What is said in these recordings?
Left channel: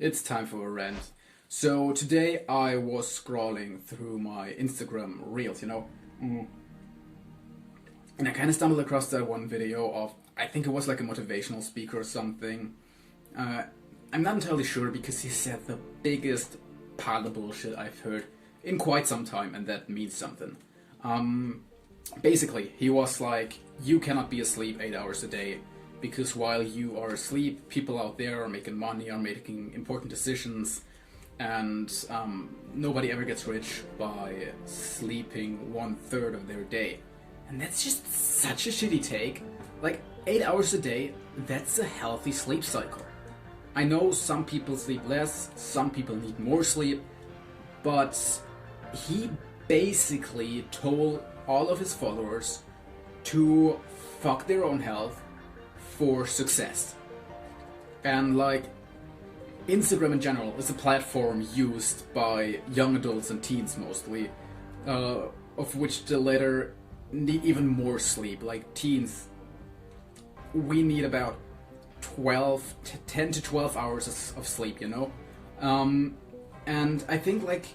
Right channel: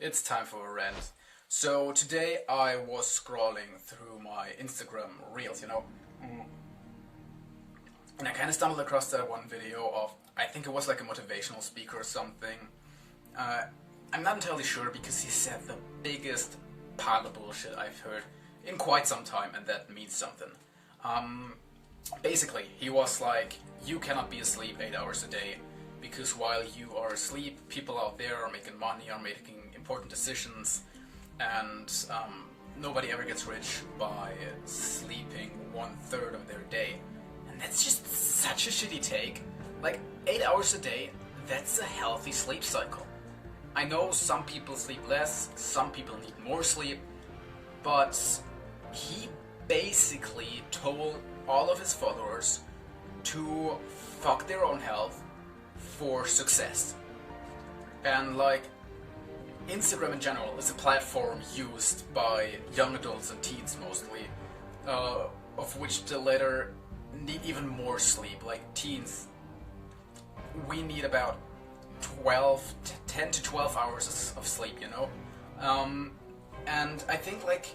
It's time for a rant. So today I was scrolling through my Instagram reels, and I kind of stumbled across that one video of, I think it was like a motivational speaker or something. I'm not entirely sure because he said the biggest pile of bullshit I've heard in quite some time, and that means something. Basically, he was like, you cannot be asleep 8 hours a day because while you are asleep, people out there are making money, are making important decisions, and nobody ever gets rich by sleeping 1/3 of their day. And that's just such a shitty take. Like, 8 hours a day, that's a healthy sleep cycle. I know some people sleep less, some people need more sleep, but he basically told all of his followers to fuck their own health for success. And like, Instagram in general is a platform used by young adults and teens mostly, of which the latter need even more sleep. Like teens, we need about 10 to 12 hours of sleep, and I think like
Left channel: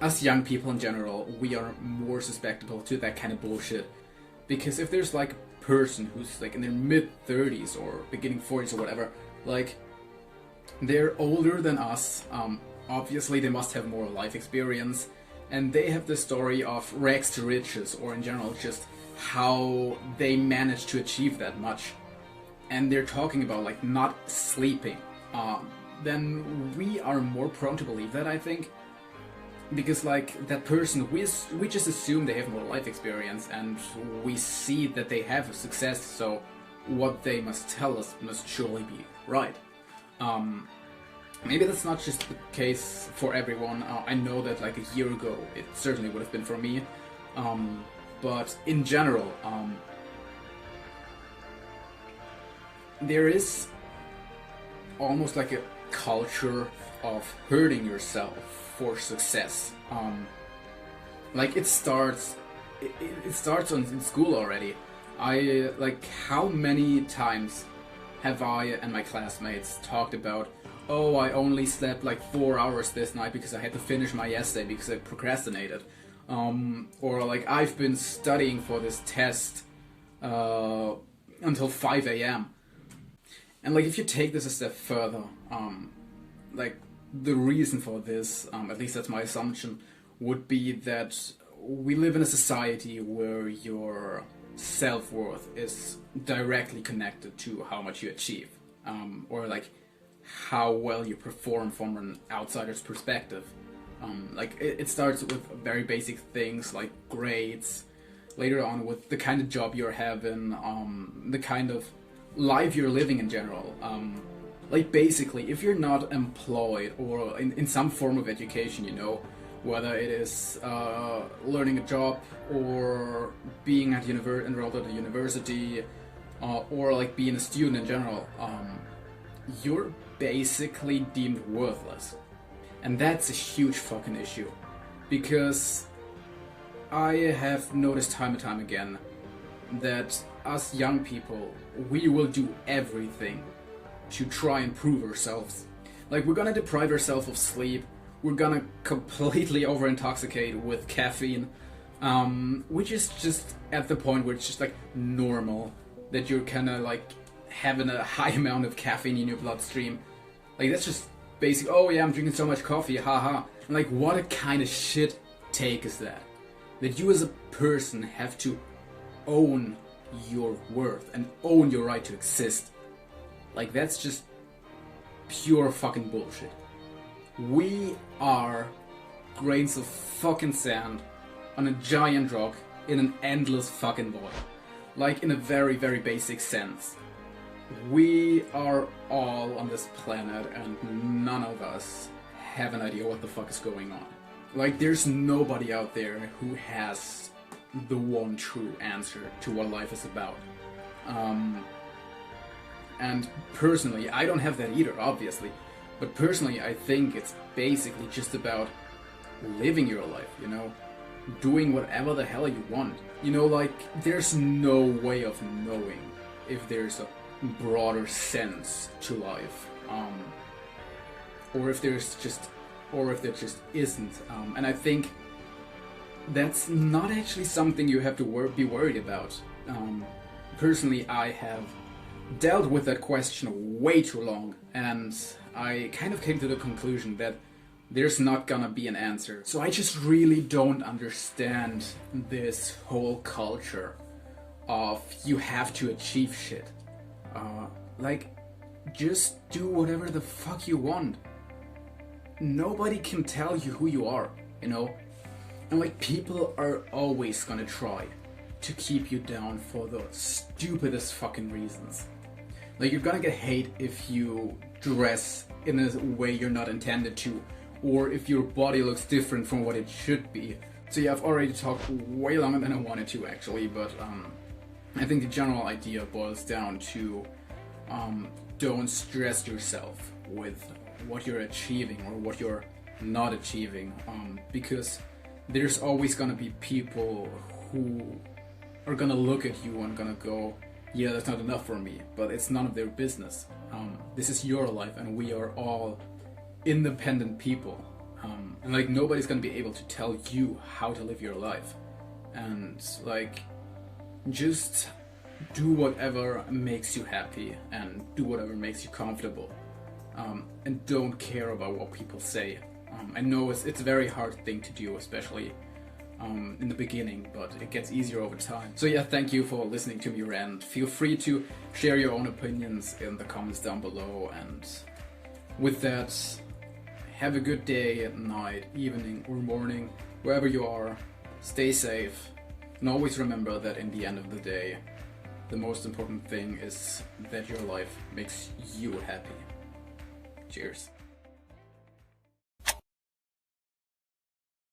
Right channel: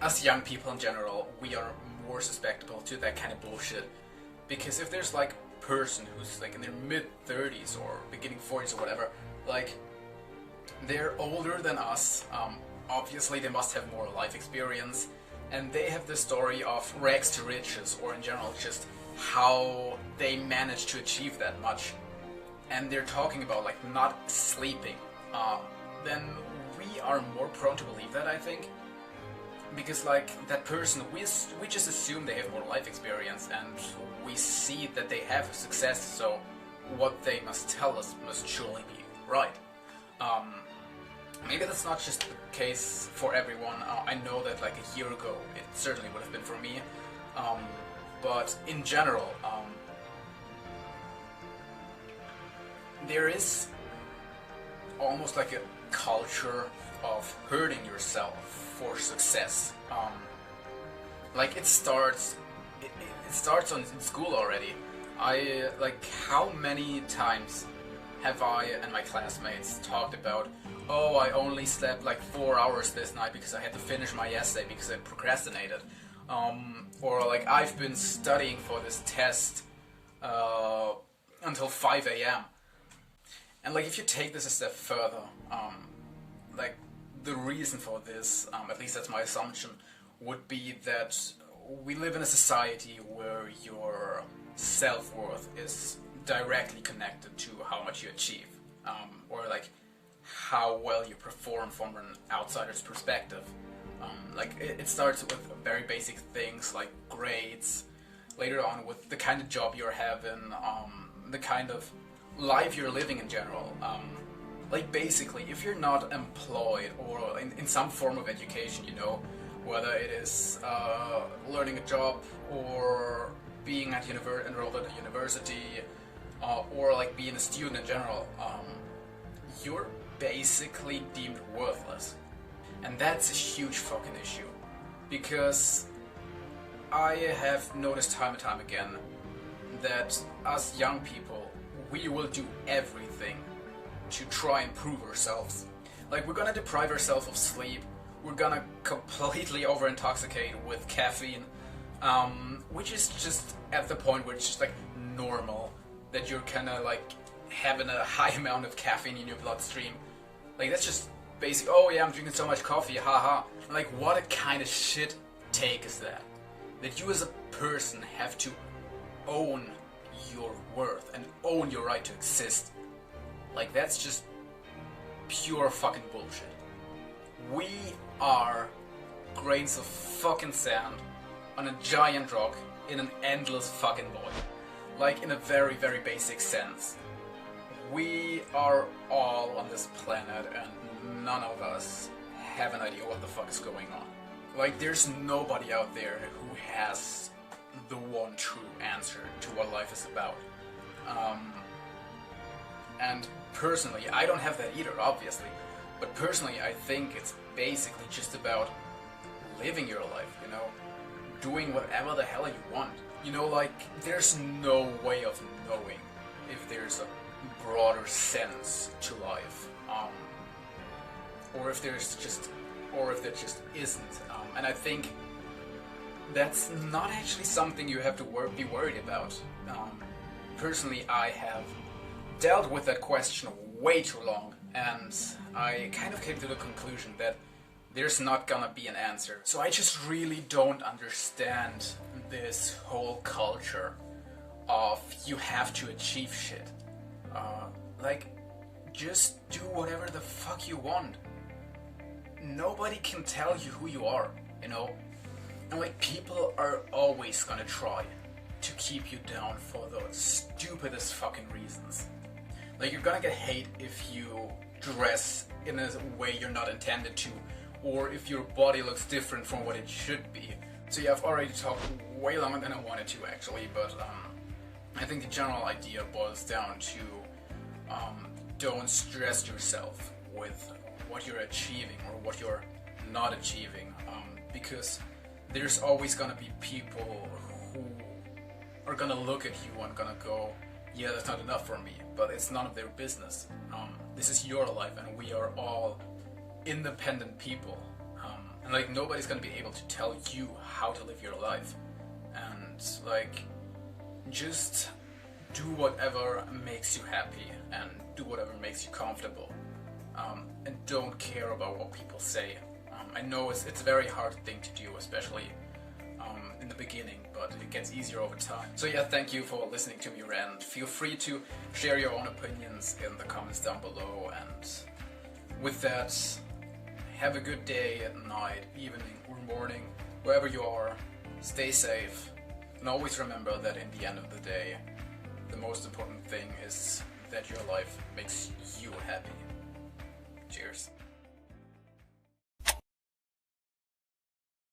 us young people in general, we are more susceptible to that kind of bullshit, because if there's like a person who's like in their mid-30s or beginning 40s or whatever, like they're older than us, obviously they must have more life experience, and they have the story of rags to riches, or in general just how they managed to achieve that much, and they're talking about like not sleeping, then we are more prone to believe that, I think, because like that person, we just assume they have more life experience, and we see that they have success, so what they must tell us must surely be right. Maybe that's not just the case for everyone. I know that like a year ago it certainly would have been for me, but in general, there is almost like a culture of hurting yourself for success. Like it starts in school already. I like, how many times have I and my classmates talked about, oh, I only slept like 4 hours this night because I had to finish my essay because I procrastinated, or like I've been studying for this test until 5 a.m. And like, if you take this a step further, like the reason for this, at least that's my assumption, would be that we live in a society where your self-worth is directly connected to how much you achieve, or like how well you perform from an outsider's perspective. Like it starts with very basic things like grades, later on with the kind of job you're having, the kind of life you're living in general. Like basically, if you're not employed or in some form of education, whether it is learning a job or being enrolled at a university, or like being a student in general, you're basically deemed worthless. And that's a huge fucking issue, because I have noticed time and time again that us young people, we will do everything to try and prove ourselves. Like, we're gonna deprive ourselves of sleep, we're gonna completely over intoxicate with caffeine, which is just at the point where it's just like normal that you're kinda like having a high amount of caffeine in your bloodstream. Like, that's just basic, oh yeah, I'm drinking so much coffee, haha. Like, what a kind of shit take is that? That you as a person have to own your worth and own your right to exist. Like, that's just pure fucking bullshit. We are grains of fucking sand on a giant rock in an endless fucking void. Like, in a very, very basic sense. We are all on this planet, and none of us have an idea what the fuck is going on. Like, there's nobody out there who has the one true answer to what life is about. And personally, I don't have that either, obviously. But personally, I think it's basically just about living your life, doing whatever the hell you want. Like, there's no way of knowing if there's a broader sense to life. or if there just isn't. And I think that's not actually something you have to be worried about. Personally, I have dealt with that question way too long, and I kind of came to the conclusion that there's not gonna be an answer. So I just really don't understand this whole culture of you have to achieve shit. Like, just do whatever the fuck you want. Nobody can tell you who you are, you know? And like, people are always gonna try to keep you down for the stupidest fucking reasons. Like, you're gonna get hate if you dress in a way you're not intended to, or if your body looks different from what it should be. So yeah, I've already talked way longer than I wanted to actually, but I think the general idea boils down to don't stress yourself with what you're achieving or what you're not achieving, because there's always gonna be people who are gonna look at you and gonna go, yeah, that's not enough for me, but it's none of their business. This is your life, and we are all independent people, and like, nobody's gonna be able to tell you how to live your life. And like, just do whatever makes you happy and do whatever makes you comfortable, and don't care about what people say. I know it's a very hard thing to do, especially in the beginning, but it gets easier over time. So yeah, thank you for listening to me rant. Feel free to share your own opinions in the comments down below, and with that, have a good day, night, evening, or morning, wherever you are. Stay safe, and always remember that in the end of the day, the most important thing is that your life makes you happy. Cheers.